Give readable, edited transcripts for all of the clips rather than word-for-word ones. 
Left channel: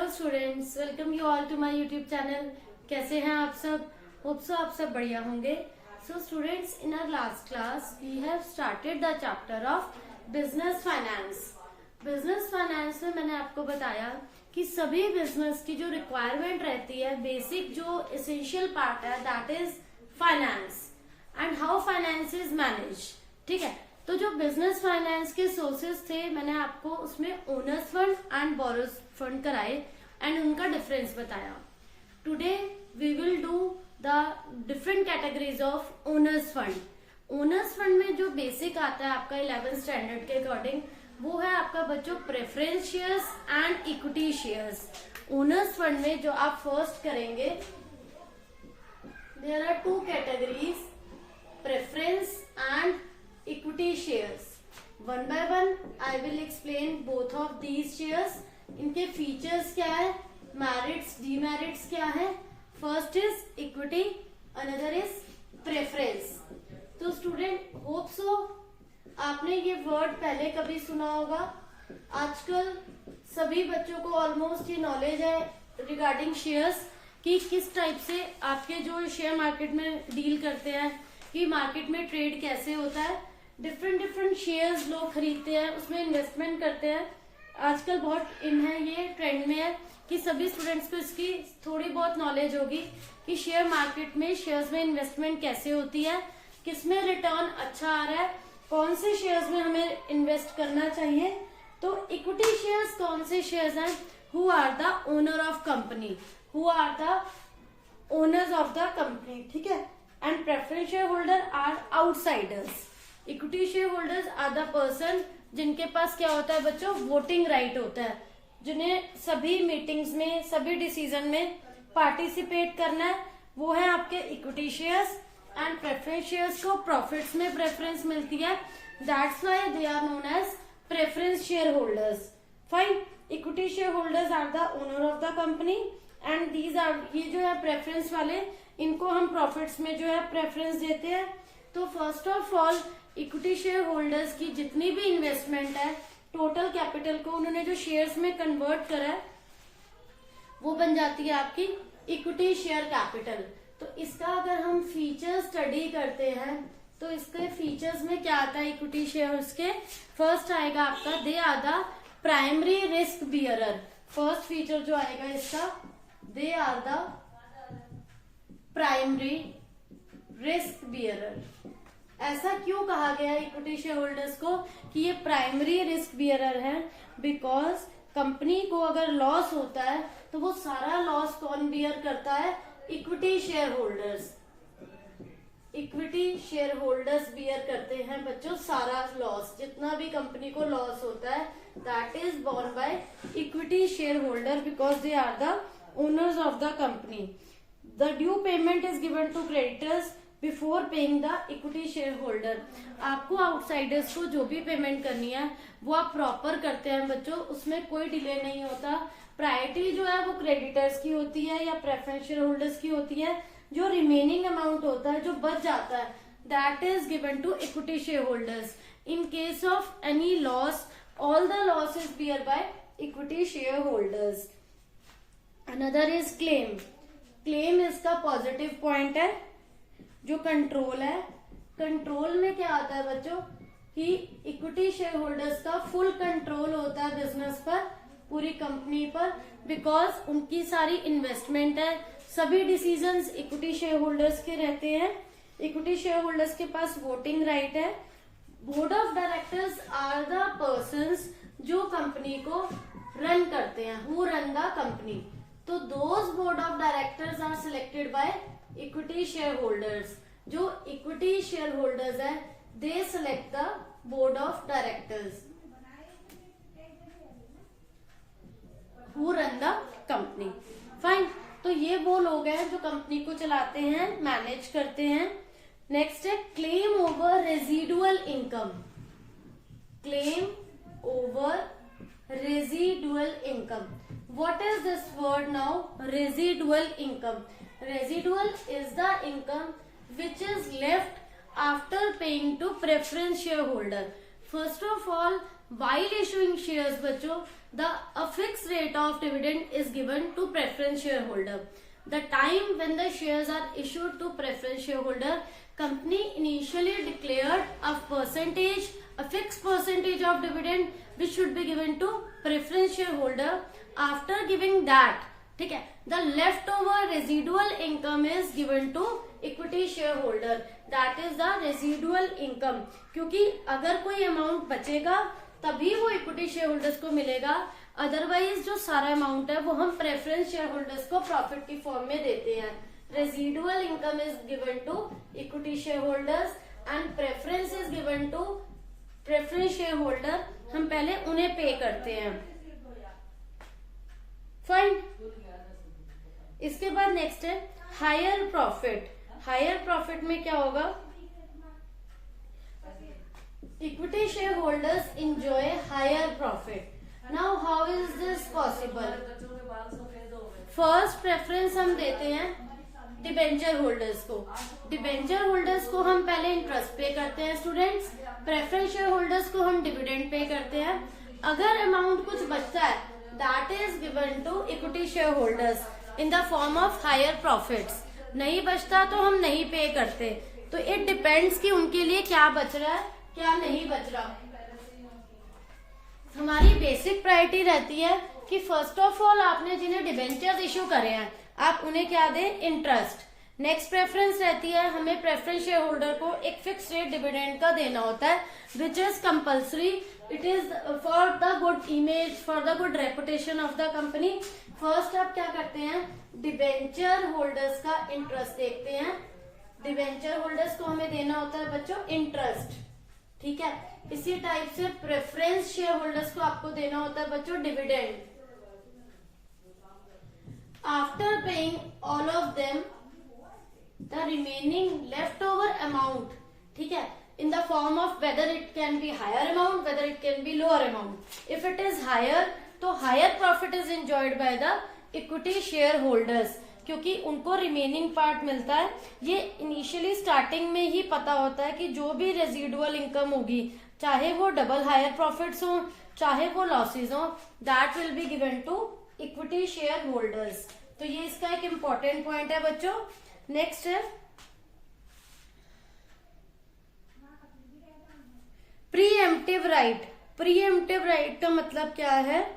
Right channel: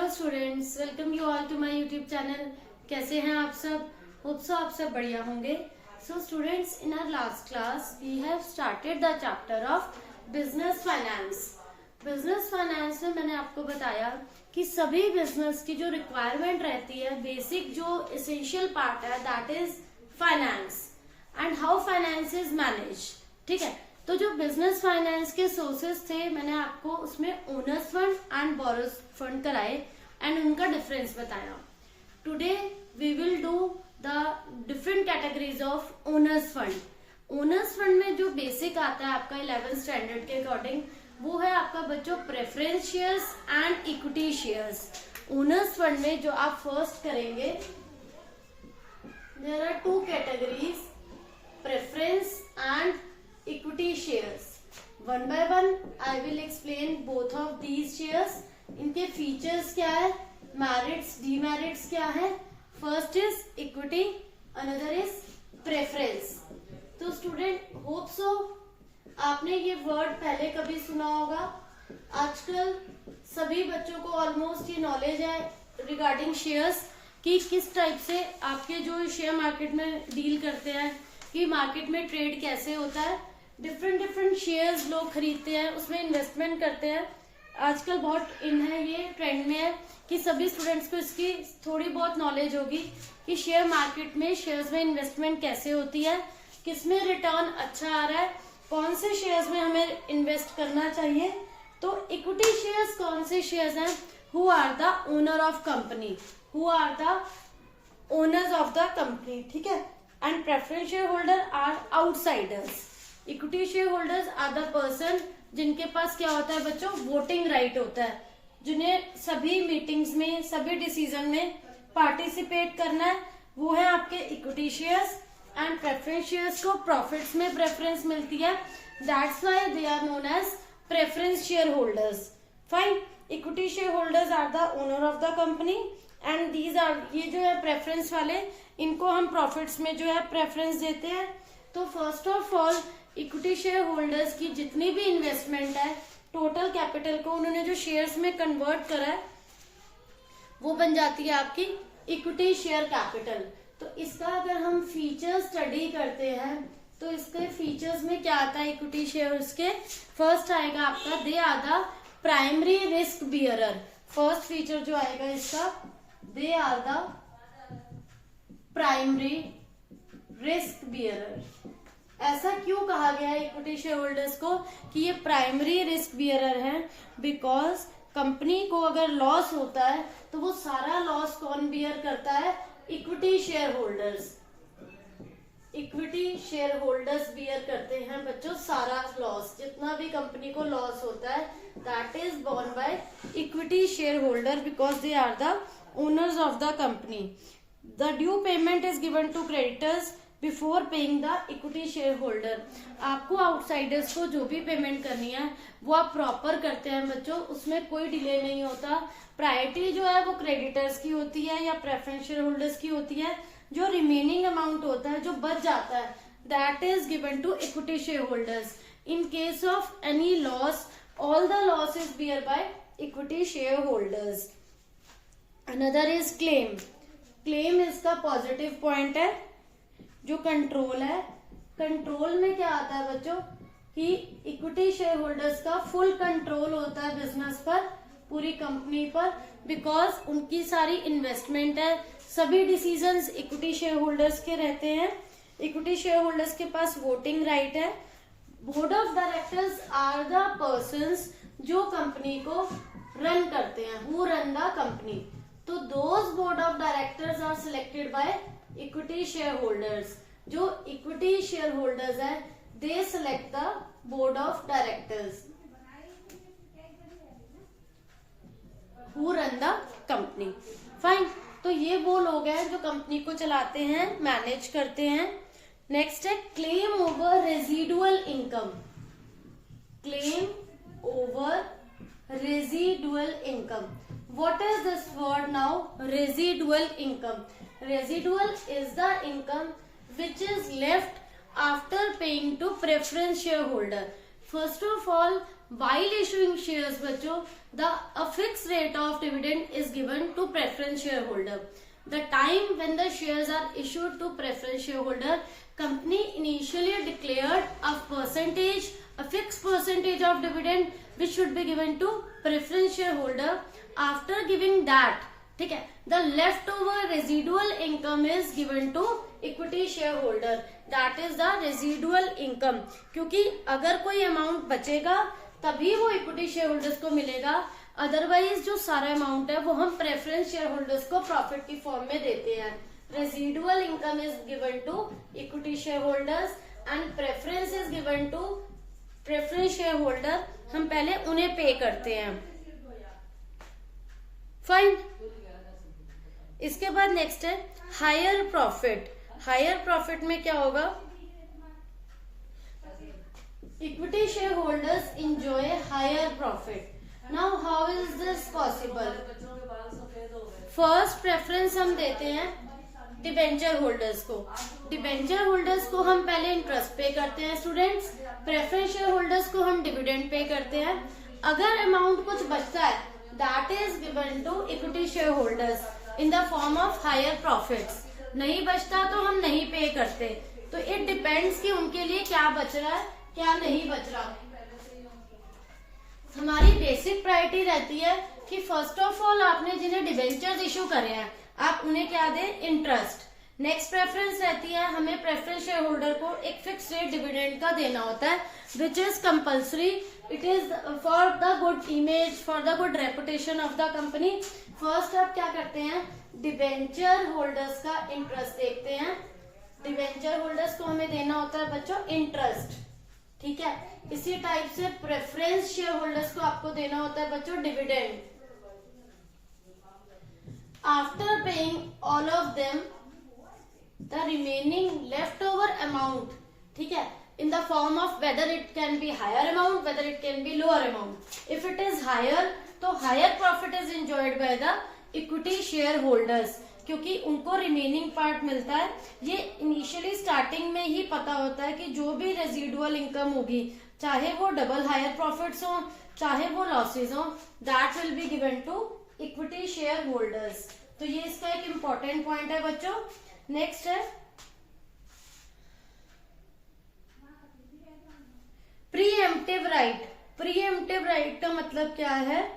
Hello students, welcome you all to my YouTube channel. कैसे हैं आप सब? होप सो आप सब बढ़िया होंगे। So students, in our last class we have started the chapter of business finance. Business finance में मैंने आपको बताया कि सभी बिजनेस की जो रिक्वायरमेंट रहती है, बेसिक जो एसेंशियल पार्ट है, that is finance and how finance is manage. ठीक है, तो जो बिजनेस फाइनेंस के सोर्सेस थे, मैंने आपको उसमें owners fund and borrows fund कराए एंड उनका डिफरेंस बताया। Today we will do the different categories of owners fund. Owners fund में जो बेसिक आता है आपका 11th स्टैंडर्ड के अकॉर्डिंग, वो है आपका बच्चों preference shares and equity shares. Owners fund में जो आप फर्स्ट करेंगे, there are two categories, preference and equity shares. One by one I will explain both of these shares. इनके फीचर्स क्या है, मेरिट्स डीमेरिट्स क्या है। First is equity, another is preference. तो स्टूडेंट, होप सो आपने ये word पहले कभी सुना होगा। आजकल सभी बच्चों को ऑलमोस्ट ये नॉलेज है रिगार्डिंग शेयर्स कि किस टाइप से आपके जो शेयर मार्केट में डील करते हैं, कि मार्केट में ट्रेड कैसे होता है। डिफरेंट शेयर्स लोग खरीदते हैं, उसमें इन्वेस्टमेंट करते हैं। आजकल बहुत इन है, ये ट्रेंड में है कि सभी स्टूडेंट्स को इसकी थोड़ी बहुत नॉलेज होगी कि शेयर मार्केट में शेयर्स में इन्वेस्टमेंट कैसे होती है, किसमें रिटर्न अच्छा आ रहा है, कौन से शेयर्स में हमें इन्वेस्ट करना चाहिए। तो इक्विटी शेयर्स कौन से शेयर्स हैं? Who are the owner of company, who are the owners of the company. ठीक है, and preference share holder are outsiders. Equity share holders are the person जिनके पास क्या होता है बच्चों, वोटिंग राइट होता है, जिन्हें सभी मीटिंग्स में, सभी डिसीजन में पार्टिसिपेट करना है, वो है आपके equity shares. And preference shares को प्रॉफिट्स में प्रेफरेंस मिलती है, that's why they are known as preference share holders. Fine, equity share holders are the owner of the company and these are, ये जो है प्रेफरेंस वाले, इनको हम प्रॉफिट्स में जो है प्रेफरेंस देते हैं। तो first of all equity share holders की जितनी भी इन्वेस्टमेंट है, टोटल कैपिटल को उन्होंने जो शेयर्स में कन्वर्ट करा है, वो बन जाती है आपकी इक्विटी शेयर कैपिटल। तो इसका अगर हम फीचर स्टडी करते हैं, तो इसके फीचर्स में क्या आता है इक्विटी शेयर्स के? फर्स्ट आएगा आपका, they are the primary risk bearer. First feature जो आएगा इसका, they are the primary risk bearer. ऐसा क्यों कहा गया है इक्विटी शेयर होल्डर्स को कि ये प्राइमरी रिस्क बियरर है? बिकॉज कंपनी को अगर लॉस होता है तो वो सारा लॉस कौन बियर करता है? Equity share holders. Equity share holders bear करते हैं बच्चों सारा लॉस, जितना भी कंपनी को लॉस होता है, that is borne by equity share holder because they are the owners of the company. The due payment is given to creditors before paying the equity share holder. आपको outsiders को जो भी payment करनी है वो आप प्रॉपर करते हैं बच्चों, उसमें कोई डिले नहीं होता। प्रायोरिटी जो है वो क्रेडिटर्स की होती है या प्रेफरेंस शेयर होल्डर्स की होती है। जो रिमेनिंग अमाउंट होता है, जो बच जाता है, that is given to equity share holders. In case of any loss, all the loss is bear by equity share holders. Another is claim. Claim इसका पॉजिटिव पॉइंट है। जो कंट्रोल है, कंट्रोल में क्या आता है बच्चों कि इक्विटी शेयर होल्डर्स का फुल कंट्रोल होता है बिजनेस पर, पूरी कंपनी पर, बिकॉज उनकी सारी इन्वेस्टमेंट है, सभी डिसीजंस इक्विटी शेयर होल्डर्स के रहते हैं। इक्विटी शेयर होल्डर्स के पास वोटिंग राइट है। Board of directors are the persons जो कंपनी को रन करते हैं, हु रन द कंपनी। तो those board of directors are selected by equity share holders. जो इक्विटी शेयर होल्डर्स है, they select the board of directors who run the company. Fine, तो ये वो लोग हैं जो कंपनी को चलाते हैं, मैनेज करते हैं। नेक्स्ट है claim over residual income. Claim over residual income. What is this word now? Residual income. Residual is the income which is left after paying to preference shareholder. First of all, while issuing shares बच्चों, a fixed rate of dividend is given to preference shareholder. The time when the shares are issued to preference shareholder, company initially declared a fixed percentage of dividend which should be given to preference shareholder. After giving that, ठीक है, the leftover residual income is given to equity shareholder. That is the residual income. क्योंकि अगर कोई amount बचेगा तभी वो equity share holders को मिलेगा, अदरवाइज जो सारा अमाउंट है वो हम प्रेफरेंस शेयर होल्डर्स को प्रॉफिट की फॉर्म में देते हैं. Residual income is given to equity share holders and preference is given to preference share holder. हम पहले उन्हें पे करते हैं. फाइन. इसके बाद नेक्स्ट है हायर प्रॉफिट. हायर प्रॉफिट में क्या होगा? Equity shareholders enjoy higher profit. Now how is this possible? First preference हम देते हैं डिबेंचर होल्डर्स को. डिबेंचर होल्डर्स को हम पहले इंटरेस्ट पे करते हैं स्टूडेंट्स. प्रेफरेंस शेयर होल्डर्स को हम डिविडेंड पे करते हैं. अगर अमाउंट कुछ बचता है that is given to equity share holders in the form of higher profits. नहीं बचता तो हम नहीं पे करते. तो इट डिपेंड्स कि उनके लिए क्या बच रहा है क्या नहीं बच रहा. हमारी बेसिक प्रायोरिटी रहती है कि फर्स्ट ऑफ ऑल आपने जिन्हें डिबेंचर्स इश्यू करे हैं आप उन्हें क्या दें? इंटरेस्ट. नेक्स्ट प्रेफरेंस रहती है हमें प्रेफरेंस शेयर होल्डर को एक फिक्स रेट डिविडेंड का देना होता है which is compulsory. It is for the good image, for the good reputation of the company. First आप क्या करते हैं? डिबेंचर होल्डर्स का इंटरेस्ट देखते हैं. डिबेंचर होल्डर्स को हमें देना होता है बच्चों इंटरेस्ट. ठीक है. इसी टाइप से प्रेफरेंस शेयर होल्डर्स को आपको देना होता है बच्चों dividend. After paying all of them the remaining left over amount, ठीक है, in the form of whether it can be higher amount, whether it can be lower amount. If it is higher, तो higher profit is enjoyed by the equity shareholders क्योंकि उनको remaining part मिलता है. ये initially starting में ही पता होता है कि जो भी रेजिडुअल इनकम होगी चाहे वो डबल हायर प्रॉफिट्स हो चाहे वो लॉसेज हो that will be given to equity share holders. तो ये इसका एक इम्पोर्टेंट पॉइंट है बच्चों. नेक्स्ट है प्रीएम्प्टिव राइट. प्रीएम्प्टिव राइट का मतलब क्या है?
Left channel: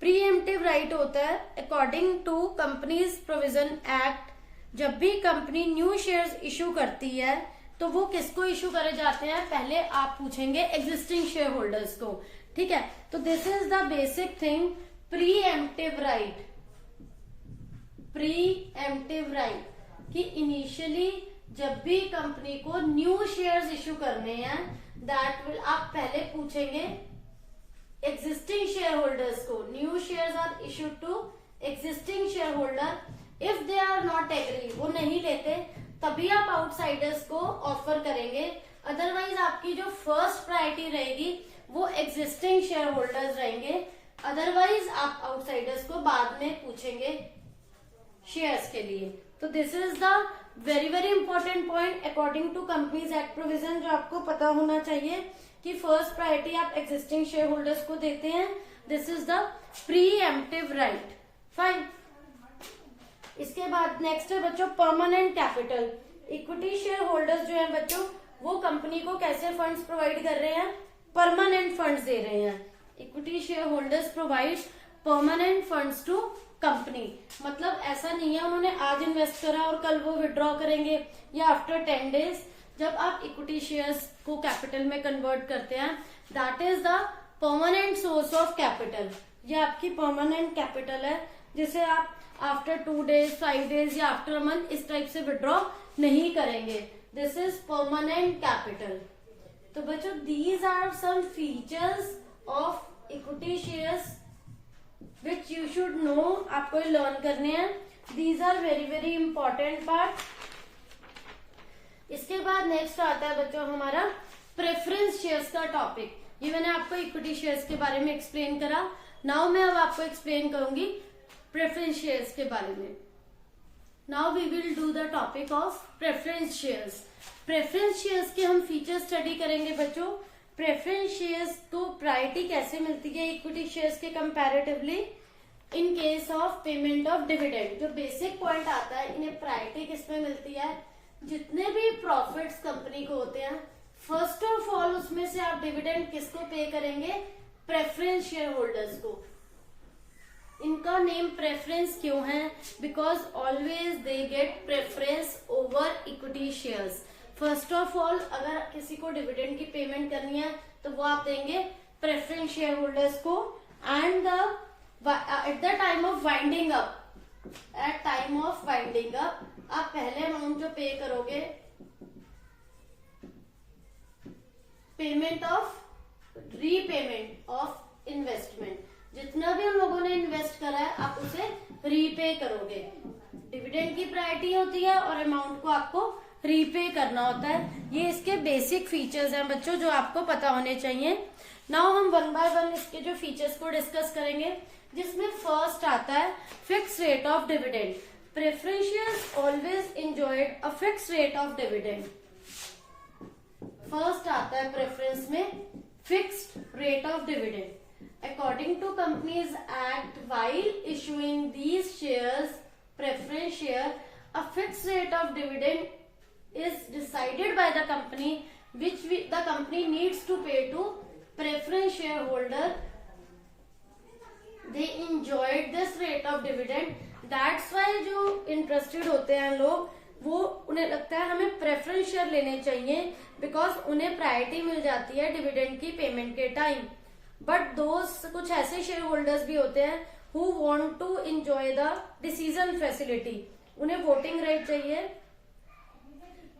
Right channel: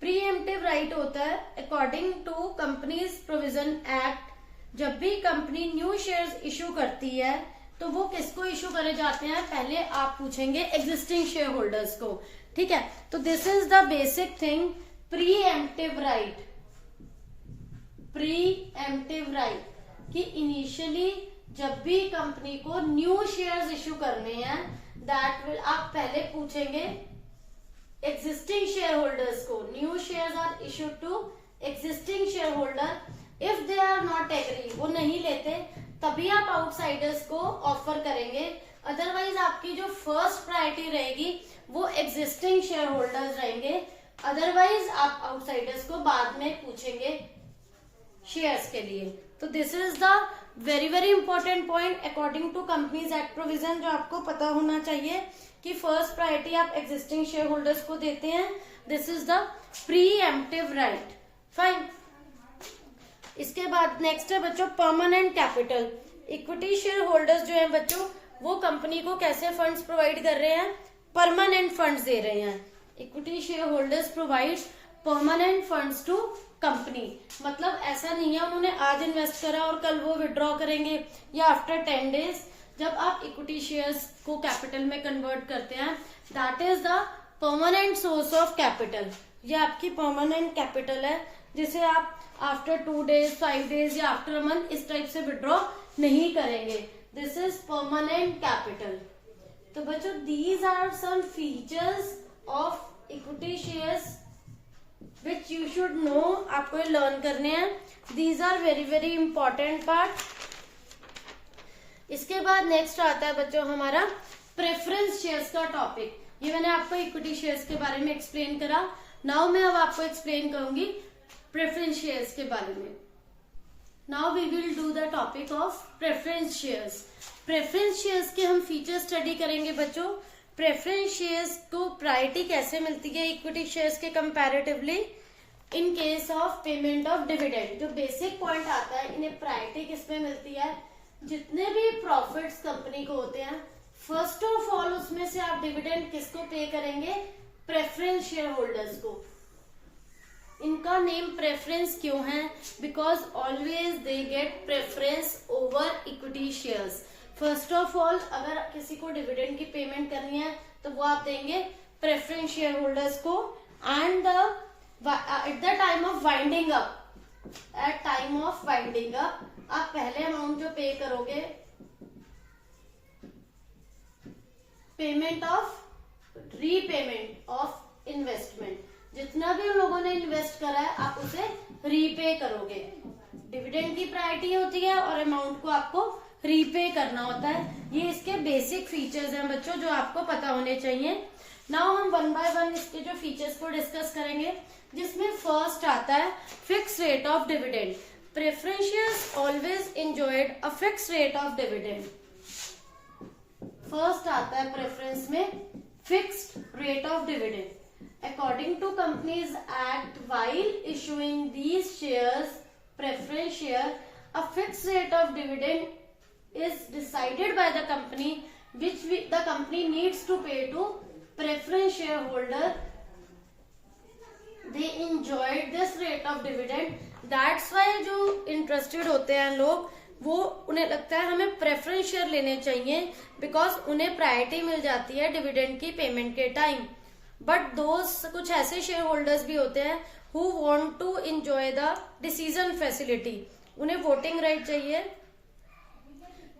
प्रीएम्प्टिव राइट होता है according to companies provision act. जब भी कंपनी न्यू शेयर्स इशू करती है तो वो किसको इशू करे जाते हैं? पहले आप पूछेंगे एग्जिस्टिंग शेयर होल्डर्स को. ठीक है. तो this is the basic thing pre-emptive right. Pre-emptive right कि इनिशियली जब भी कंपनी को न्यू शेयर्स इशू करने हैं दैट विल आप पहले पूछेंगे existing shareholders को. New shares are issued to existing shareholder. If they are not agree, वो नहीं लेते तभी आप आउटसाइडर्स को ऑफर करेंगे. अदरवाइज आपकी जो फर्स्ट प्रायोरिटी रहेगी वो एग्जिस्टिंग शेयर होल्डर्स रहेंगे. अदरवाइज आप आउटसाइडर्स को बाद में पूछेंगे शेयर्स के लिए. तो this is the very very important point according to companies act provision जो आपको पता होना चाहिए कि फर्स्ट प्रायोरिटी आप एग्जिस्टिंग शेयर होल्डर्स को देते हैं. This is the preemptive right. Fine. इसके बाद नेक्स्ट है बच्चों permanent capital. Equity share holders जो है बच्चों वो कंपनी को कैसे फंड्स प्रोवाइड कर रहे हैं? परमानेंट फंड्स दे रहे हैं. Equity share holders provide permanent funds to company. मतलब ऐसा नहीं है उन्होंने आज इन्वेस्ट करा और कल वो विड्रॉ करेंगे या आफ्टर 10 days. जब आप इक्विटी शेयर्स को कैपिटल में कन्वर्ट करते हैं that is the permanent source of capital. ये आपकी परमानेंट कैपिटल है जिसे आप आफ्टर 2 days, 5 days या आफ्टर अ मंथ इस टाइप से विड्रॉ नहीं करेंगे. This is permanent capital. तो बच्चों these are some features of equity shares which you should know. आपको लर्न करने हैं. These are very very important part. इसके बाद नेक्स्ट आता है बच्चों हमारा प्रेफरेंस शेयर्स का टॉपिक. ये मैंने आपको इक्विटी शेयर्स के बारे में एक्सप्लेन करा. नाउ मैं अब आपको एक्सप्लेन करूंगी प्रेफरेंस शेयर्स के बारे में. Now we will do the topic of preference shares. Preference shares के हम फीचर स्टडी करेंगे बच्चों. प्रेफरेंस शेयर्स को प्रायोरिटी कैसे मिलती है इक्विटी शेयर्स के comparatively in case of payment of dividend. जो बेसिक पॉइंट आता है, इन्हें प्रायोरिटी किसमें मिलती है, जितने भी प्रॉफिट्स कंपनी को होते हैं फर्स्ट ऑफ ऑल उसमें से आप डिविडेंड किसको पे करेंगे, प्रेफरेंस शेयर होल्डर्स को। इनका नेम प्रेफरेंस क्यों है, because always they get preference over equity shares. First of all अगर किसी को डिविडेंड की पेमेंट करनी है तो वो आप देंगे प्रेफरेंस शेयर होल्डर्स को। And at the time of winding up, at time of winding up आप पहले अमाउंट जो पे करोगे, payment of repayment of investment, जितना भी उन लोगों ने इन्वेस्ट करा है आप उसे रीपे करोगे। डिविडेंड की प्रायोरिटी होती है और अमाउंट को आपको रीपे करना होता है। ये इसके बेसिक फीचर्स हैं बच्चों जो आपको पता होने चाहिए। नाउ हम वन बाय वन इसके जो फीचर्स को डिस्कस करेंगे, जिसमें फर्स्ट आता है fix rate of dividend. Preference shares always enjoyed a fix rate of dividend. First आता है प्रेफरेंस में fixed rate of dividend. According to Companies Act, while issuing these shares, preference share, a fixed rate of dividend is decided by the company, which the company needs to pay to preference shareholder. They enjoyed this rate of dividend. That's why जो interested होते हैं लोग, वो उन्हें लगता है हमें preference share लेने चाहिए, बिकॉज उन्हें प्रायोरिटी मिल जाती है डिविडेंड की पेमेंट के टाइम। बट दोस्त कुछ ऐसे शेयर होल्डर्स भी होते हैं who want to enjoy the decision facility, उन्हें वोटिंग राइट चाहिए,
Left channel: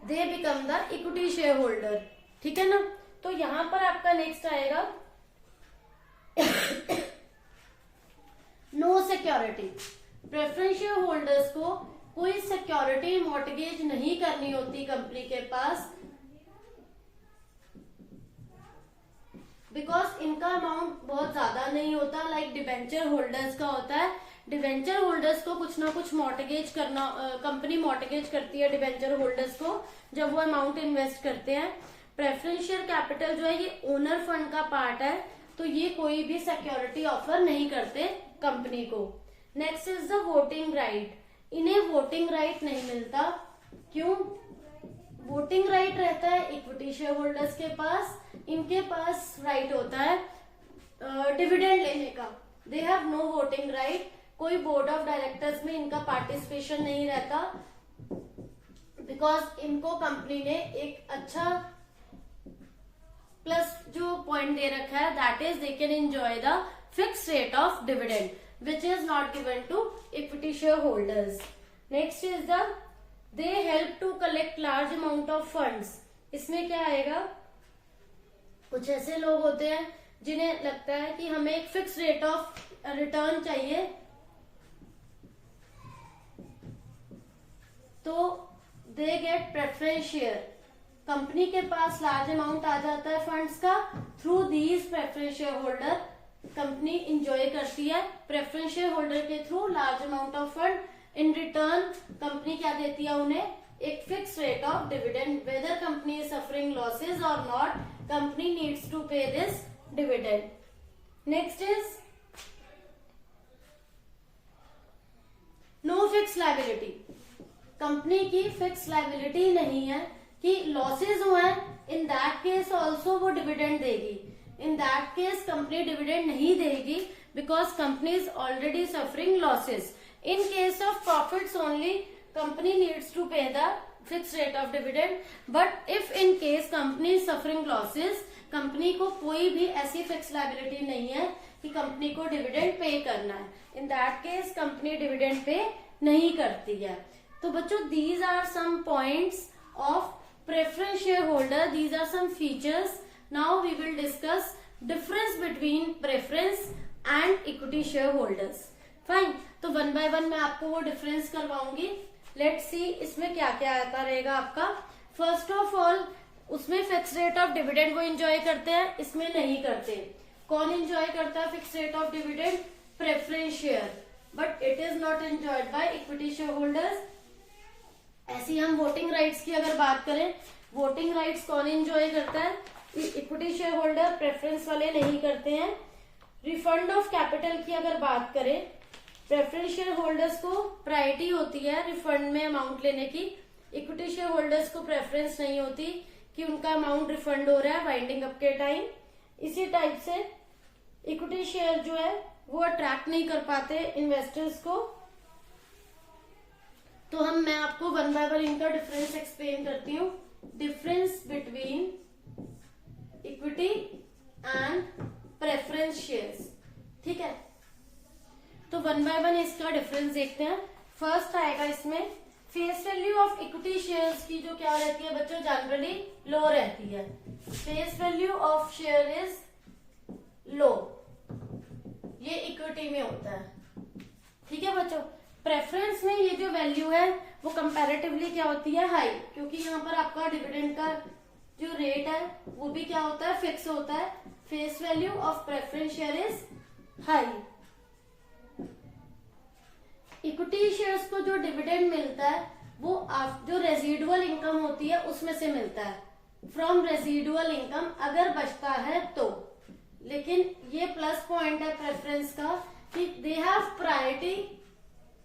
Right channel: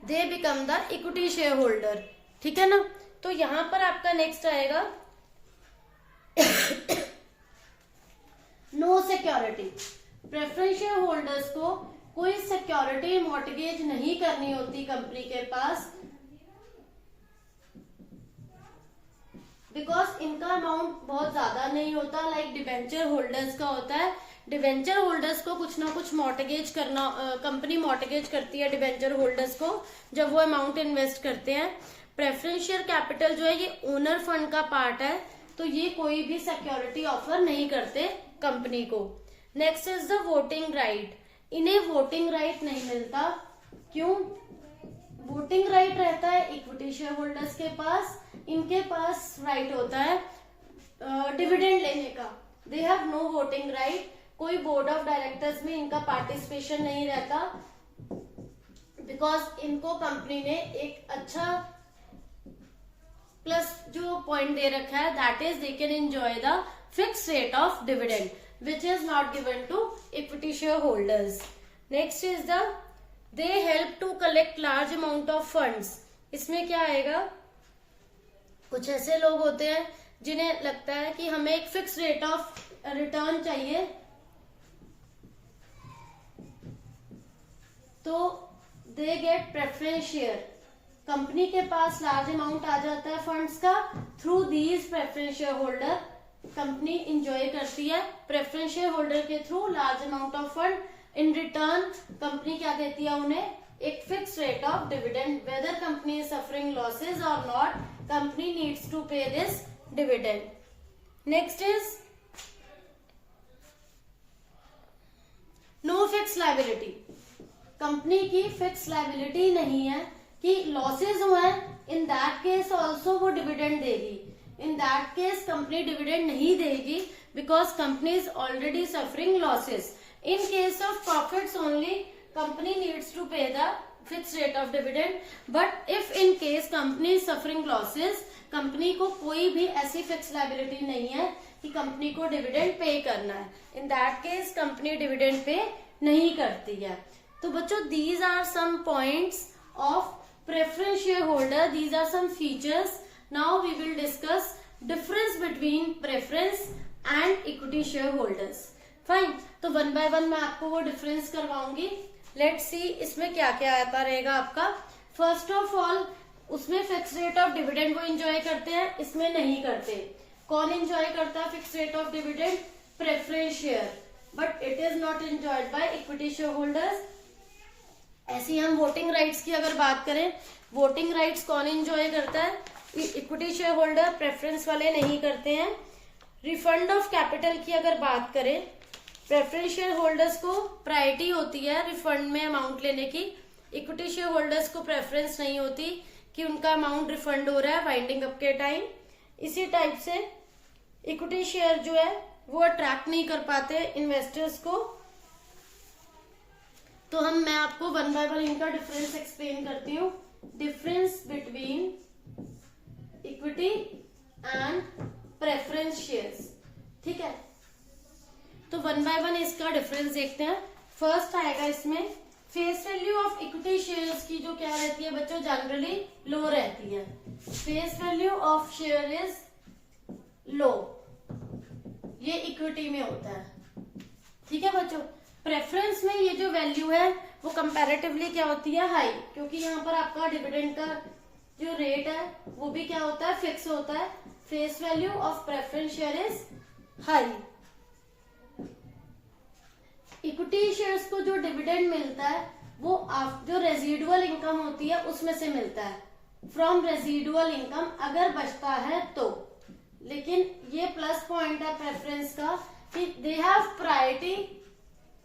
they become the equity share holder. ठीक है ना। तो यहां पर आपका नेक्स्ट आएगा no security. Preference share holders को कोई सिक्योरिटी मॉर्टगेज नहीं करनी होती कंपनी के पास, बिकॉज इनका अमाउंट बहुत ज्यादा नहीं होता लाइक डिवेंचर होल्डर्स का होता है। डिवेंचर होल्डर्स को कुछ ना कुछ मॉर्टगेज करना, कंपनी मॉर्टगेज करती है डिवेंचर होल्डर्स को जब वो अमाउंट इन्वेस्ट करते हैं। प्रेफरेंस शेयर कैपिटल जो है ये ओनर फंड का पार्ट है, तो ये कोई भी सिक्योरिटी ऑफर नहीं करते कंपनी को। Next is the voting right. इन्हें वोटिंग राइट नहीं मिलता, क्यों? वोटिंग राइट रहता है इक्विटी शेयर होल्डर्स के पास, इनके पास राइट होता है डिविडेंड लेने का। They have no voting right. कोई बोर्ड ऑफ डायरेक्टर्स में इनका पार्टिसिपेशन नहीं रहता, बिकॉज इनको कंपनी ने एक अच्छा प्लस जो पॉइंट दे रखा है, that is they can enjoy the fix rate of dividend which is not given to equity share holders. Next is the they help to collect large amount of funds. इसमें क्या आएगा, कुछ ऐसे लोग होते हैं जिन्हें लगता है कि हमें एक फिक्स रेट ऑफ रिटर्न चाहिए, तो they get preference share. Company के पास लार्ज अमाउंट आ जाता है फंड्स का, through these preference share holder company enjoy करती है प्रेफरेंस शेयर होल्डर के through large amount of fund. In return company क्या देती है उन्हें, एक fix rate of dividend. Whether company is suffering losses और not, company needs to pay this dividend. Next is no fix liability. Company की fix liability नहीं है कि लॉसेज हुए, इन दैट केस ऑल्सो वो डिविडेंड देगी। In that case company dividend नहीं देगी, because company is already suffering losses. In case of profits only, company needs to pay the fixed rate of dividend. But if in case company is suffering losses, company को कोई भी ऐसी fix liability नहीं है कि company को dividend pay करना है। In that case company dividend pay नहीं करती है। तो बच्चों these are some points of preference shareholder. These are some features. Now we will discuss difference between preference and equity shareholders. Fine, तो one by one मैं आपको वो difference करवाऊंगी। Let's see इसमें क्या क्या आता रहेगा आपका। फर्स्ट ऑफ ऑल उसमें फिक्स रेट ऑफ डिविडेंड वो एंजॉय करते हैं, इसमें नहीं करते। कौन एंजॉय करता है fix rate of dividend? Preference share, but it is not enjoyed bye equity share holders. ऐसी हम वोटिंग राइट्स की अगर बात करें, वोटिंग राइट्स कौन एंजॉय करता है? इक्विटी शेयर होल्डर प्रेफरेंस वाले नहीं करते हैं। रिफंड ऑफ कैपिटल की अगर बात करें, प्रेफरेंस शेयर होल्डर्स को प्रायोरिटी होती है रिफंड में अमाउंट लेने की। इक्विटी शेयर होल्डर्स को प्रेफरेंस नहीं होती कि उनका अमाउंट रिफंड हो रहा है वाइंडिंग अप के टाइम। इसी टाइप से इक्विटी शेयर जो है वो अट्रैक्ट नहीं कर पाते इन्वेस्टर्स को। तो मैं आपको वन बाय वन इनका डिफरेंस एक्सप्लेन करती हूँ। Difference between equity and preference shares, ठीक है। तो वन बाय वन इसका डिफरेंस देखते हैं। फर्स्ट आएगा इसमें face value of equity shares की जो क्या रहती है बच्चों, जनरली लो रहती है। Face value of share is low, ये इक्विटी में होता है, ठीक है बच्चों। प्रेफरेंस में ये जो वैल्यू है वो कंपैरेटिवली क्या होती है, हाई, क्योंकि यहाँ पर आपका डिविडेंड का जो रेट है वो भी क्या होता है, फिक्स होता है। Face value of preference share is high. Equity shares को जो डिविडेंड मिलता है वो जो रेजिडुअल इनकम होती है उसमें से मिलता है, फ्रॉम रेजिडुअल इनकम अगर बचता है तो। लेकिन ये प्लस पॉइंट है प्रेफरेंस का कि they have priority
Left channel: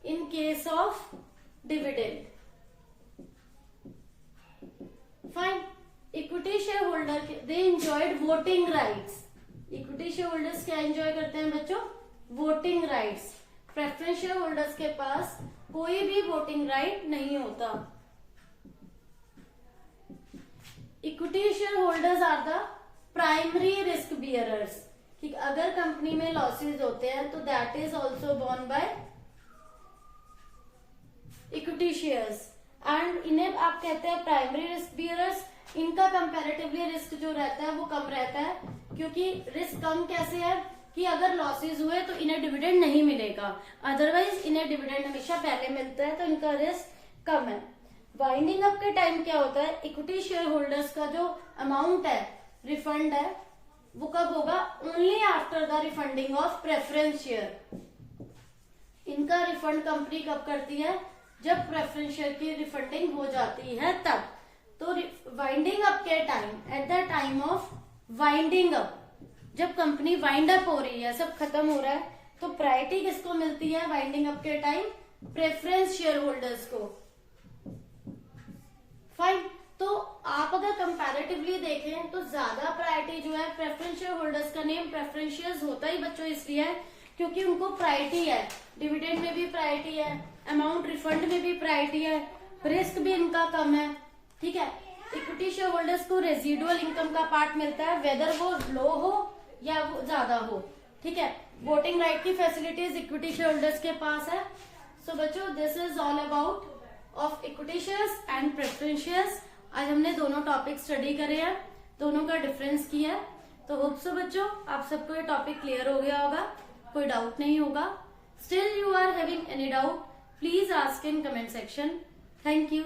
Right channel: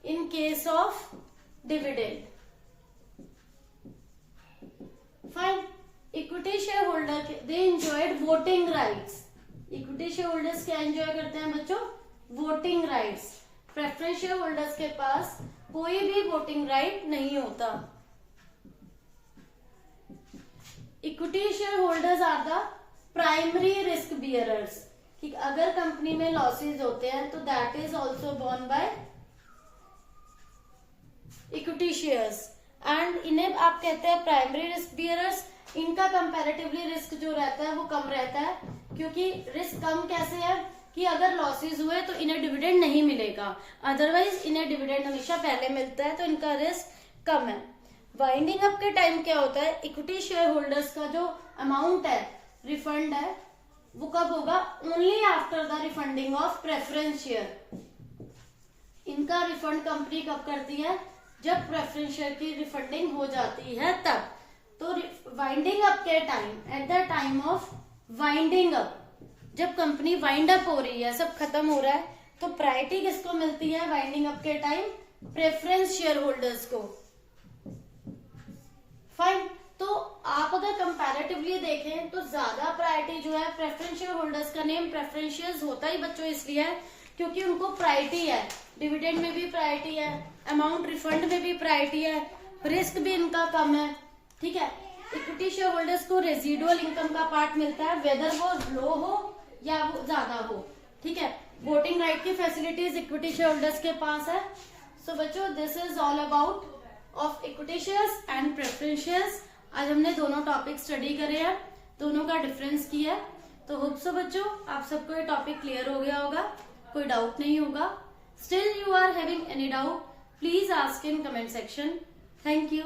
in case of dividend. Fine. Equity share holder they enjoyed voting rights. Equity share holders क्या एंजॉय करते हैं बच्चों, voting rights. Preference share holders के पास कोई भी वोटिंग राइट नहीं होता। Equity share holders are the primary risk bearers, ठीक। अगर कंपनी में लॉसेस होते हैं तो that is also borne by equity shares. And इन्हें आप कहते हैं प्राइमरी रिस्क बियरर्स। इनका कंपैरेटिवली रिस्क जो रहता है वो कम रहता है, क्योंकि रिस्क कम कैसे है कि अगर लॉसेस हुए तो इन्हें डिविडेंड नहीं मिलेगा, अदरवाइज इन्हें डिविडेंड हमेशा पहले मिलता है, तो इनका रिस्क कम है। वाइंडिंग अप के टाइम क्या होता है, इक्विटी शेयर होल्डर्स का जो अमाउंट है रिफंड है वो कब होगा, only after the refunding of preference share. इनका रिफंड कंपनी कब करती है, जब प्रेफरेंस शेयर की रिफंडिंग हो जाती है तब। तो वाइंडिंग अप के time, eight the time of winding up, जब कंपनी वाइंड अप हो रही है, सब खत्म हो रहा है, तो प्रायोरिटी किसको मिलती है वाइंडिंग अप के टाइम, प्रेफरेंस शेयर होल्डर्स को। फाइन। तो आप अगर कंपैरेटिवली देखें तो ज्यादा प्रायोरिटी जो है प्रेफरेंस शेयर होल्डर्स का नेम प्रेफरेंस शेयर्स होता ही बच्चों इसलिए है क्योंकि उनको प्रायोरिटी है, डिविडेंड में भी प्रायोरिटी है, अमाउंट रिफंड में भी प्रायोरिटी है, रिस्क भी इनका कम है, ठीक है। इक्विटी शेयर होल्डर्स को रेजिडुअल इनकम का पार्ट मिलता है, वेदर वो लो हो या वो ज्यादा हो, ठीक है। वोटिंग राइट की फैसिलिटीज इक्विटी शेयर होल्डर्स के पास है। सो बच्चों this is all about of equity shares and preference shares. आज हमने दोनों टॉपिक स्टडी करे हैं, दोनों का डिफरेंस किया है। तो होप सो बच्चों आप सबको ये टॉपिक क्लियर हो गया होगा, कोई डाउट नहीं होगा। Still you are having any doubt, please ask in comment section. Thank you.